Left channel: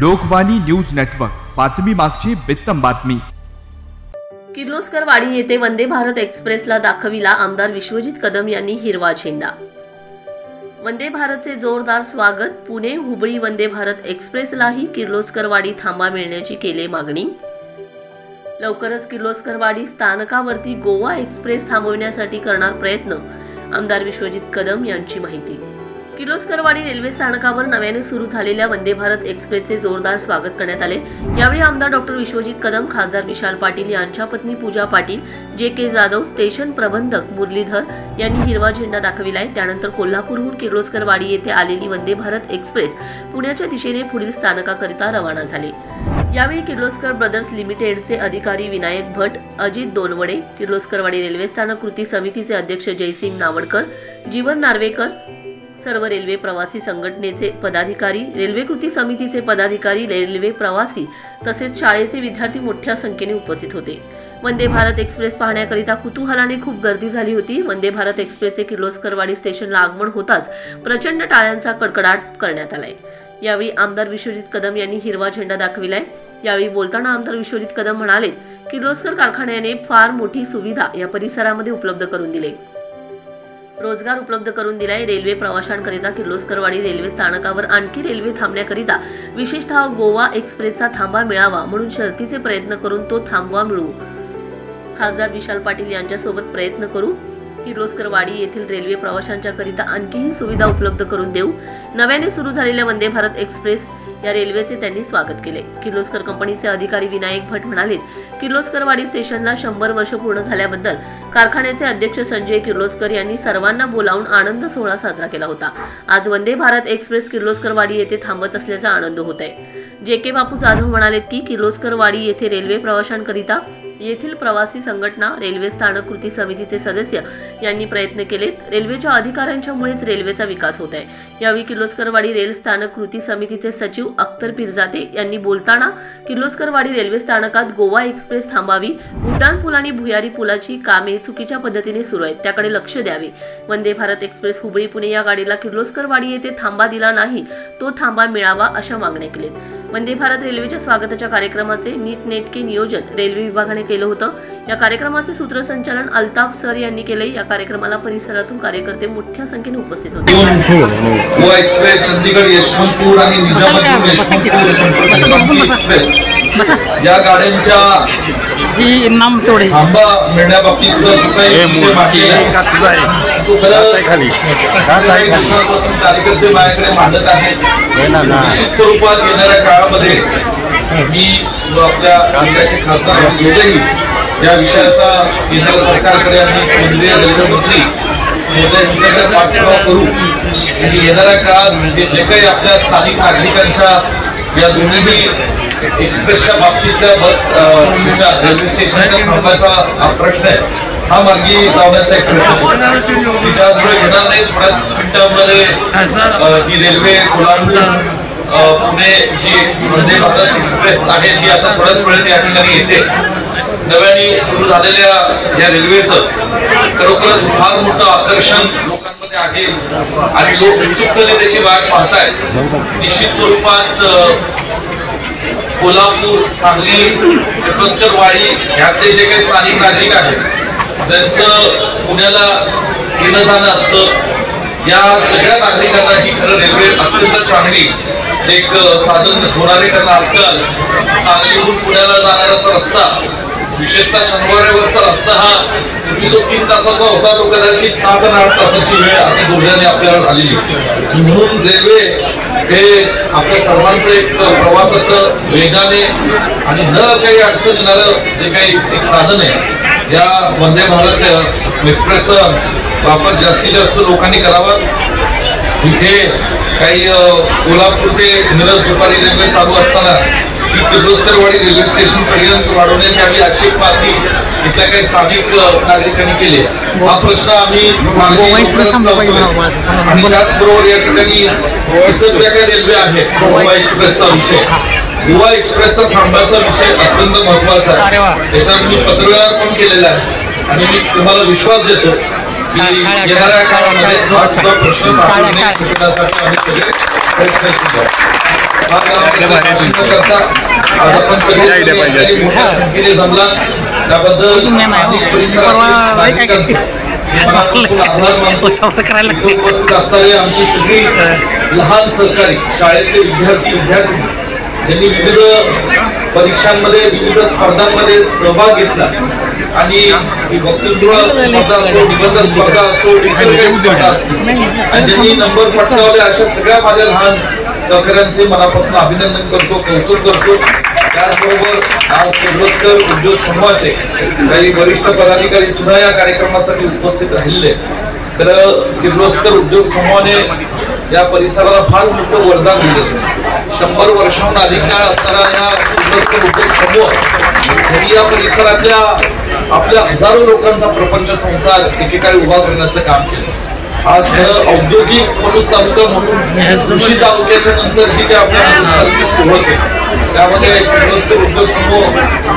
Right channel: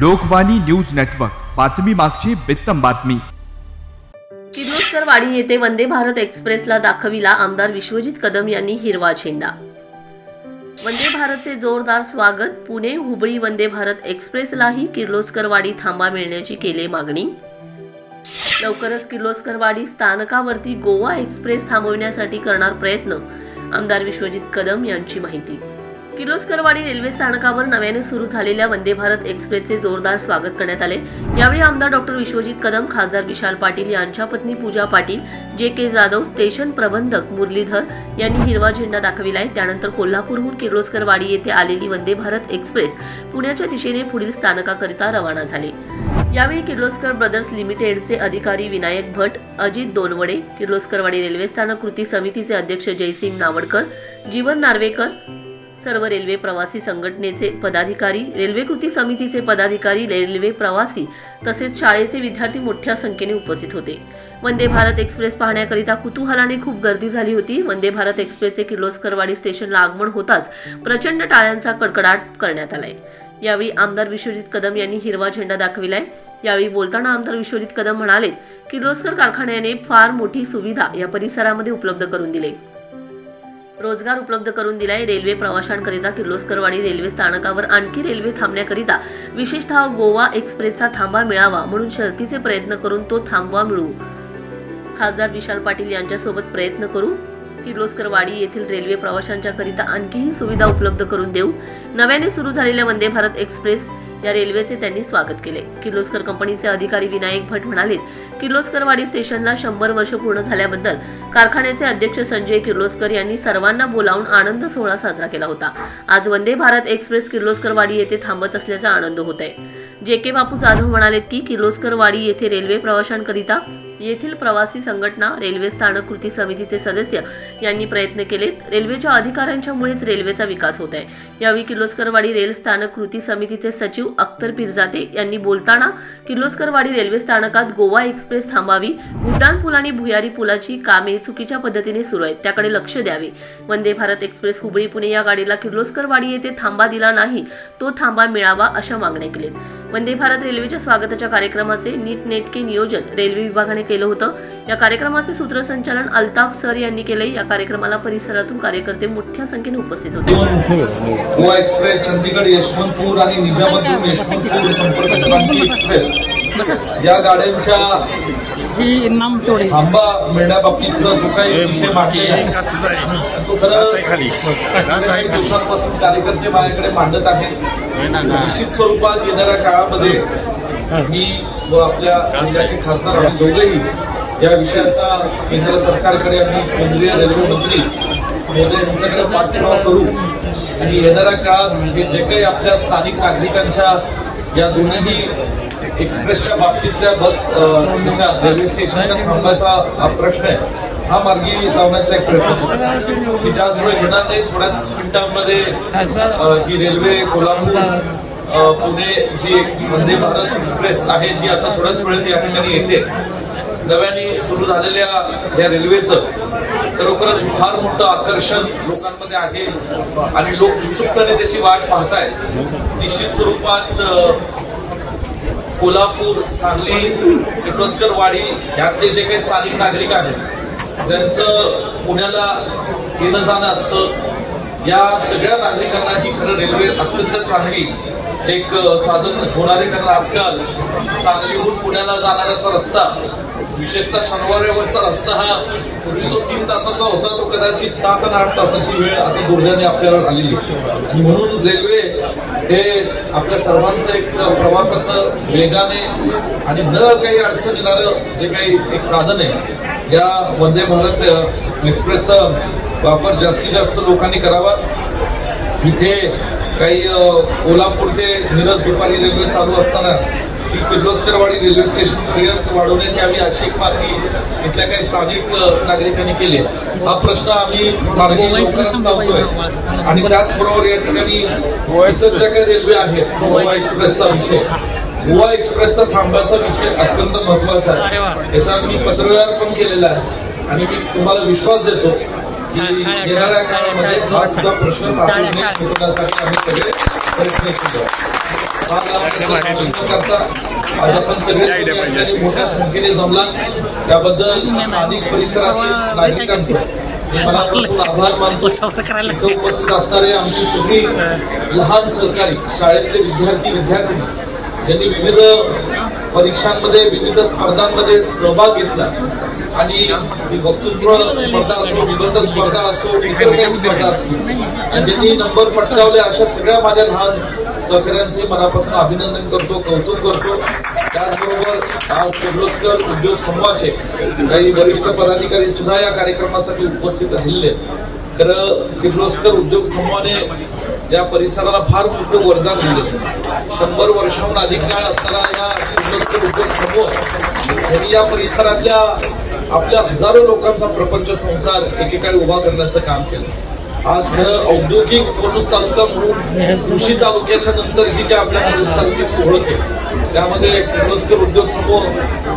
Lokvani news network, बातमी मागची बेत्तम बातमी। किर्लोस्करवाडी येथे वंदे भारत एक्सप्रेसला दाखविला आमदार विश्वजित कदम यांनी हिरवा झेंडा। वंदे भारतचे जोरदार स्वागत। पुणे हुबळी वंदे भारत एक्सप्रेसलाही किर्लोस्करवाडी थांबा मिळण्याची केली मागणी। लवकरच किर्लोस्करवाडी स्थानकावरती गोवा एक्सप्रेस थांबवण्यासाठी करणार प्रयत्न, आमदार विश्वजित कदम यांची माहिती। किर्लोस्करवाडी रेल्वे स्थानकावर नव्याने सुरू झालेल्या वंदे भारत एक्सप्रेसचे जोरदार स्वागत करण्यात आले। यावेळी आमदार डॉक्टर विश्वजित कदम, खासदार विशाल पाटील यांच्या पत्नी पूजा पाटील, जे.के. जाधव, स्टेशन प्रबंधक मुरलीधर यांनी हिरवा झेंडा दाखविलाय। त्यानंतर कोल्हापूरहून किर्लोस्करवाडी येथे आलेली वंदे भारत एक्सप्रेस पुण्याच्या दिशेने पुढील स्थानकाकरिता रवाना झाली। यावेळी किर्लोस्कर ब्रदर्स लिमिटेडचे अधिकारी विनायक भट, अजित दोनवडे, किर्लोस्करवाडी रेल्वे स्थानक कृती समितीचे अध्यक्ष जयसिंग नावडकर, जीवन नार्वेकर, सर्व रेल्वे प्रवासी संघटनेचे पदाधिकारी, रेल्वे कृती समितीचे पदाधिकारी, रेल्वे प्रवासी तसेच शाळेचे विद्यार्थी मोठ्या संख्येने उपस्थित होते। वंदे भारत एक्सप्रेस पाहण्याकरिता कुतूहलाने खूप गर्दी झाली होती। वंदे भारत एक्सप्रेसचे किर्लोस्करवाडी स्टेशनला आगमन होताच प्रचंड टाळ्यांचा कडकडाट करण्यात आलाय। यावेळी आमदार विश्वजित कदम यांनी हिरवा झेंडा दाखविलाय। यावेळी बोलताना आमदार विश्वजित कदम म्हणाले, किर्लोस्कर कारखान्याने फार मोठी सुविधा या परिसरामध्ये उपलब्ध करून दिली, रोजगार उपलब्ध करून दिलाय। रेल्वे प्रवाशांकरिता किर्लोस्करवाडी रेल्वे स्थानकावर आणखी रेल्वे थांबण्याकरिता विशेषतः गोवा एक्सप्रेसचा थांबा मिळावा म्हणून शर्तीचे प्रयत्न करून तो थांबवा मिळवू। खासदार विशाल पाटील यांच्यासोबत प्रयत्न करू। किर्लोस्करवाडी येथील रेल्वे प्रवाशांच्या करिता आणखीही सुविधा उपलब्ध करून देऊ। नव्याने सुरू झालेल्या वंदे भारत एक्सप्रेस या रेल्वेचे त्यांनी स्वागत केले। किर्लोस्कर कंपनीचे अधिकारी विनायक भट म्हणाले, किर्लोस्करवाडी स्टेशनला 100 वर्ष पूर्ण झाल्याबद्दल कारखान्याचे अध्यक्ष संजय किर्लोस्कर यांनी सर्वांना बोलावून आनंद सोहळा साजरा केला होता। आज वंदे भारत एक्सप्रेस किर्लोस्करवाडी येथे थांबत असल्याचा आनंद होत आहे। जे.के. बापू जाधव म्हणाले की किर्लोस्करवाडी येथे रेल्वे प्रवाशांकरिता येथील प्रवासी संघटना, रेल्वे स्थानक कृती समितीचे सदस्य यांनी प्रयत्न केलेत। रेल्वेच्या अधिकाऱ्यांच्यामुळेच रेल्वेचा विकास होत आहे। यावेळी किर्लोस्करवाडी रेल स्थानक कृती समितीचे सचिव अख्तर पिरजाते यांनी बोलताना किर्लोस्करवाडी रेल्वे स्थानकात गोवा एक्सप्रेस थांबावी, उड्डाण पूल आणि भुयारी पुलाची कामे चुकीच्या पद्धतीने सुरू आहेत, त्याकडे लक्ष द्यावे। वंदे भारत एक्सप्रेस हुबळी पुणे या गाडीला किर्लोस्करवाडी येथे थांबा दिला नाही, तो थांबा मिळावा अशा मागण्या केलेत। वंदे भारत रेल्वेच्या स्वागताच्या कार्यक्रमाचे नीटनेटके नियोजन रेल्वे विभागाने केलं होतं। या कार्यक्रमाचे सूत्रसंचालन अल्ताफ सर यांनी केले। या कार्यक्रमाला परिसरातून कार्यकर्ते मोठ्या संख्येने उपस्थित होते। गोवा एक्सप्रेस, चंदीगड यशवंतपूर आणि निजामाबाद यशवंतपूर संपर्क एक्सप्रेस या गाड्यांच्या थांबा मिळण्याबाबतीत जो काही विषय मांडलेला आहे तो कार्यकर्ते माझ्याकडे मांडत आहेत। निश्चित स्वरूपात येणाऱ्या काळामध्ये मी व आपल्या राज्याचे खासदार दोघेही या विषयाचा केंद्र सरकारकडे आणि केंद्रीय रेल्वे मंत्री यांच्याकडे पाठपुरावा करू आणि येणाऱ्या काळात जे काही आपल्या स्थानिक नागरिकांच्या या दोन्ही एक्सप्रेसच्या बाबतीतल्या बस रेल्वे स्टेशनच्या थांबाचा हा प्रश्न आहे, हा मार्गी लावण्याचा एक प्रश्न त्याचवेळी घेणार नाही। थोड्याच मिनिटांमध्ये ही रेल्वे कोल्हापूर पुणे जी वंदे भारत एक्सप्रेस आहे ती आता थोड्याच वेळात या ठिकाणी येते। नव्याने सुरू झालेल्या या रेल्वेचं खरोखरच फार मोठं आकर्षण लोकांमध्ये आहे आणि लोक उत्सुकतेने त्याची वाट पाहतायत। निश्चित स्वरूपात कोल्हापूर, सांगली, किर्लोस्करवाडी यातले जे काही स्थानिक नागरिक आहेत ज्यांचं पुण्याला येणं जाणं असतं, या सगळ्या नागरिकांना ही खरं रेल्वे अत्यंत चांगली एक साधन होणार आहे। कारण आजकाल सांगलीहून पुण्याला जाणाराचा रस्ता, विशेषतः शनिवारवरचा रस्ता हा पूर्वी जो 3 तासाचा होता तो कदाचित 7 ते 8 तासाची वेळ अति दुर्दैवाने आपल्यावर आलेली। म्हणून रेल्वे हे आपल्या सर्वांचं एक प्रवासाचं वेगाने आणि न काही अडचण येणारं जे काही एक साधन आहे, या वंदे भारत एक्सप्रेसचा वापर जास्तीत जास्त लोकांनी करावा। इथे काही कोल्हापूर ते मिरज दुपारी रेल्वे चालू असताना किर्लोस्करवाडी रेल्वे स्टेशन पर्यंत वाढवण्यात यावी अशी मागणी इथल्या काही स्थानिक नागरिकांनी केली। हा प्रश्न आम्ही आणि त्याचबरोबर या ठिकाणी ज्या काही रेल्वे आहेत गोवा एक्सप्रेसचा विषय, गोवा एक्सप्रेसचा थांबाचा विषय अत्यंत महत्वाचा आहे। त्याच्यावर मी पत्रव्यवहार पण केलेला आहे आणि मी तुम्हाला विश्वास देतो की येणाऱ्या काळामध्ये हा सुद्धा प्रश्न सुटण्यासाठी आम्ही सगळे प्रयत्न केले. आज आपण सगळे मोठ्या संख्येने जमला त्याबद्दल उपस्थित असणारे आमची सगळी लहान सहकारी शाळेतले विद्यार्थी ज्यांनी विविध परीक्षांमध्ये विविध स्पर्धांमध्ये सहभाग घेतला आणि वक्तृत्व स्पर्धा असो, निबंध स्पर्धा असो, स्पर्धा असतील आणि ज्यांनी नंबर पटकावले अशा सगळ्या माझ्या लहान सहकाऱ्यांचे मनापासून अभिनंदन करतो, कौतुक करतो. त्याचबरोबर आज किर्लोस्कर उद्योग समूहाचे काही वरिष्ठ पदाधिकारी सुद्धा या कार्यक्रमासाठी उपस्थित राहिले. तर किर्लोस्कर उद्योग समूहाने या परिसराला फार मोठं वरदान दिलं. 100 वर्षांहून अधिक काळ असणारा या किर्लोस्कर उद्योग समूह या परिसरातल्या आपल्या हजारो लोकांचा प्रपंच संसार एकेकाळी उभा करण्याचं काम केलं. आज खरं औद्योगिक पलूस तालुका म्हणून कृषी तालुक्याच्या नंतर जी काही आपल्या पलूस तालुक्याची ओळख आहे त्यामध्ये किर्लोस्कर उद्योग समूह,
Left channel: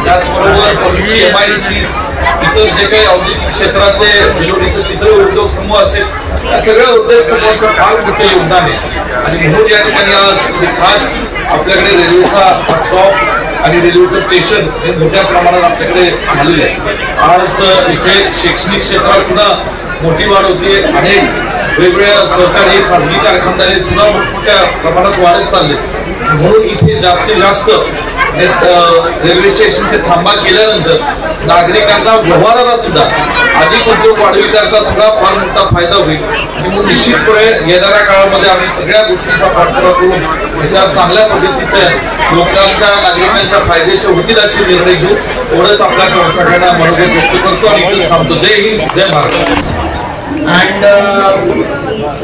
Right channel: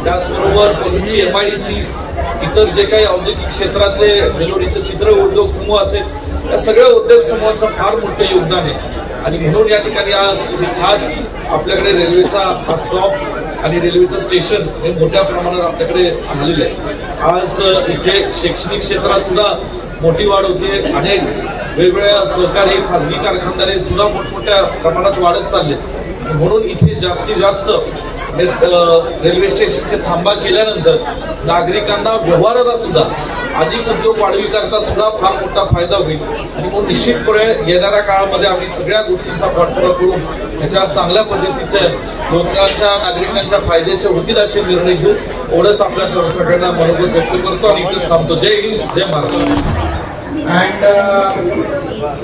त्याचबरोबर पलूसची MIDC, इतर जे काही औद्योगिक क्षेत्रातले विलोनीचं चित्र उद्योग समूह असेल या सगळ्या उद्योग समूहाचं फार मोठं योगदान आहे. आणि म्हणून या ठिकाणी आज खास आपल्याकडे रेल्वेचा स्टॉप आणि रेल्वेचं स्टेशन हे मोठ्या प्रमाणात आपल्याकडे झालेलं आहे. आज इथे शैक्षणिक क्षेत्रात सुद्धा मोठी वाढ होते. अनेक वेगवेगळ्या सहकारी खासगी कारखानदारी सुद्धा मोठ्या प्रमाणात वाढत चालले. म्हणून इथे जास्तीत जास्त रेल्वे स्टेशनचे थांबा केल्यानंतर नागरिकांना व्यवहाराला सुद्धा अधिक उद्योग वाढविण्याकरता सुद्धा फार मोठा फायदा होईल. म्हणून निश्चितपणे येणाऱ्या काळामध्ये आम्ही सगळ्या गोष्टींचा पाठपुरावा करून त्याच्या चांगल्या पद्धतीचे लोकांच्या नागरिकांच्या फायद्याचे होतील असे निर्णय घेऊ. एवढंच आपल्या सगळ्यांना मनोगत व्यक्त करतो आणि थांबतो. जय हिंद, जय Maharashtra. And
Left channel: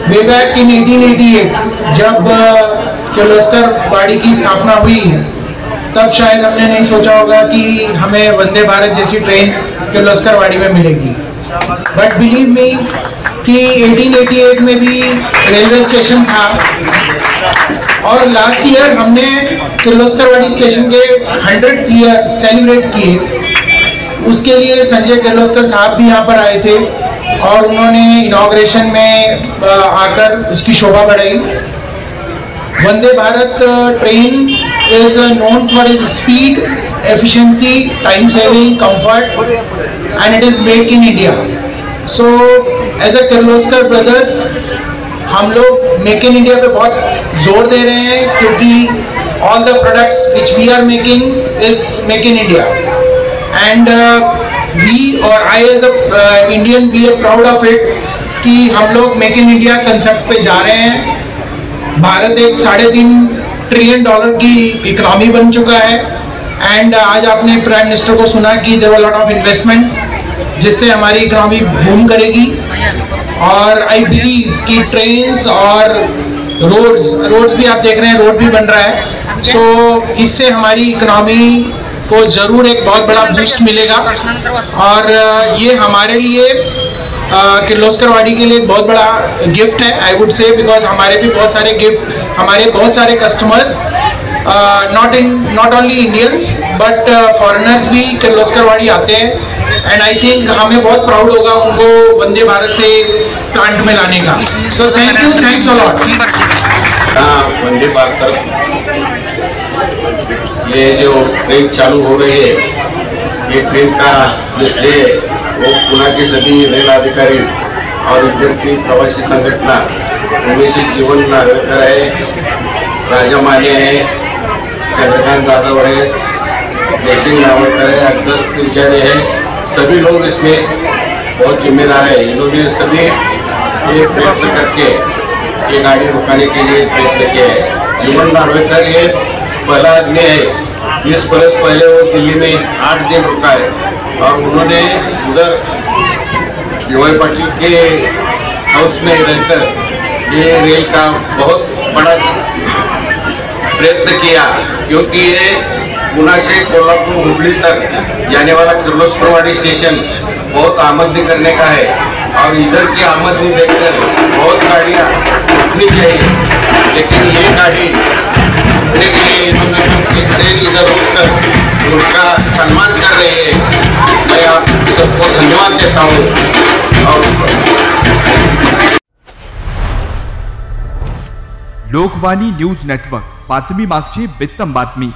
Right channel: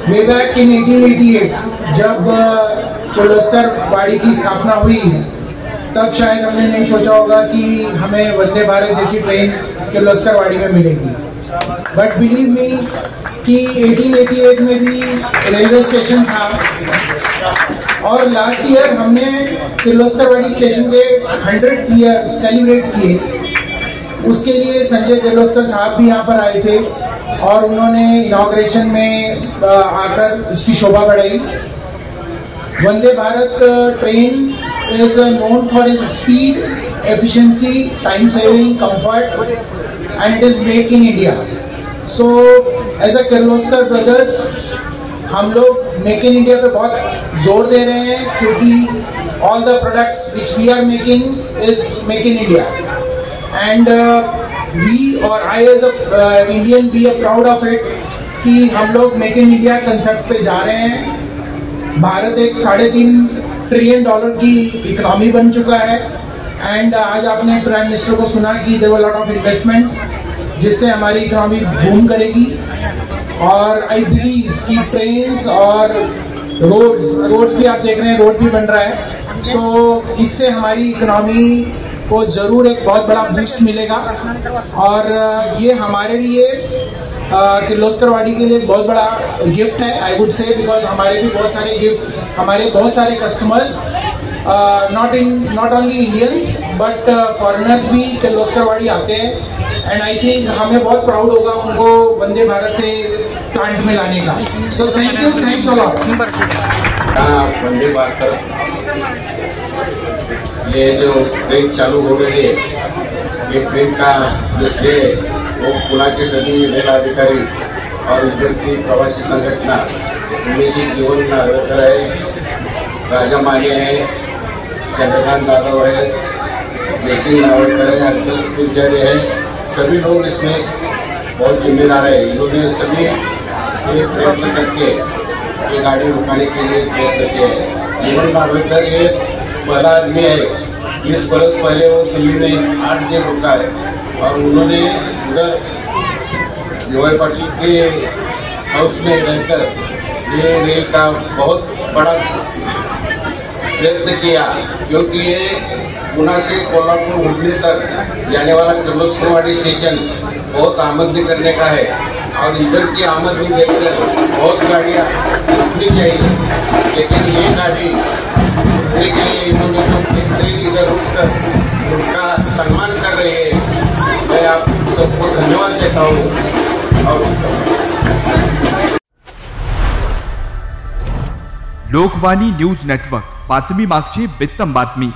way back in 1888 जब किर्लोस्कर वाड़ी की स्थापना हुई तब शायद हमने नहीं सोचा होगा कि हमें वंदे भारत जैसी ट्रेन किर्लोस्कर वाड़ी में मिलेगी. बट बिलीव मी कि 1888 में भी रेलवे स्टेशन था और लास्ट ईयर हमने किर्लोस्कर वाड़ी स्टेशन के 100th ईयर सेलिब्रेट किए. उसके लिए संजय किर्लोस्कर साहब भी यहाँ पर आए थे और उन्होंने इनॉग्रेशन में आकर उसकी शोभा बढ़ाई. Vande Bharat train is known for is speed, efficiency, time saving, comfort and it is made in India. So as a Kirloskar brothers हम लोग मेक इन इंडिया पे बहुत जोर दे रहे हैं क्योंकि all the products which we are making is make in India. And we और I as a Indian we are proud of it कि हम लोग मेक इन इंडिया कंसेप्ट पे जा रहे हैं. भारत एक $3.5 ट्रिलियन की इकोनॉमी बन चुका है. एंड आज आपने प्राइम मिनिस्टर को सुना कि there were lot of investments जिससे हमारी इकोनॉमी बूम करेगी. और आई बिलीव कि ट्रेन्स और रोड्स भी आप देख रहे हैं, रोड भी बन रहा है. सो इससे हमारी इकोनॉमी को जरूर एक बहुत बड़ा बूस्ट मिलेगा. और ये हमारे लिए किर्लोस्कर वाड़ी के लिए एक बहुत बड़ा गिफ्ट है आई वुड से, बिकॉज हमारे बहुत सारे customers not only Indians but foreigners भी किर्लोस्कर वाड़ी आते हैं. एंड आई थिंक हमें बहुत प्राउड होगा उनको वंदे भारत से प्लांट में लाने का. So thank you, thanks a lot. Vande Bharat ये जो ट्रेन चालू हो रही है, ये ट्रेन का जो श्रेय वो पुणे के सभी रेल अधिकारी और इधर की प्रवासी संगठना उमेश जीवन नार्वेकर है, राजा माने है, चंद्रकांत यादव है, जयसिंह नार्वेकर है, अक्सर पुजारी है, सभी लोग इसमें बहुत जिम्मेदार है. इन्होंने सभी ये प्रयत्न करके ये गाड़ी रुकाने के लिए फैसले किया है. जीवन नार्वेकर ये पहला आदमी है. 20 बरस पहले वो दिल्ली में 8 दिन रुका है और उन्होंने उधर DY पाटिल के हाउस में रहकर ये रेल का बहुत बड़ा प्रयत्न किया. क्योंकि ये पुणे से कोल्हापुर हुबली तक जाने वाला किर्लोस्कर वाड़ी स्टेशन बहुत आमदनी करने का है और इधर की आमदनी देखकर बहुत गाड़ियाँ रुकनी चाहिए. लेकिन ये गाड़ी के लिए इन्होंने ट्रेन इधर रुककर उनका सम्मान कर रही है. मैं आप सबको धन्यवाद देता हूँ और लोकवाणी न्यूज नेटवर्क, बातमी मागची बित्तम बातमी.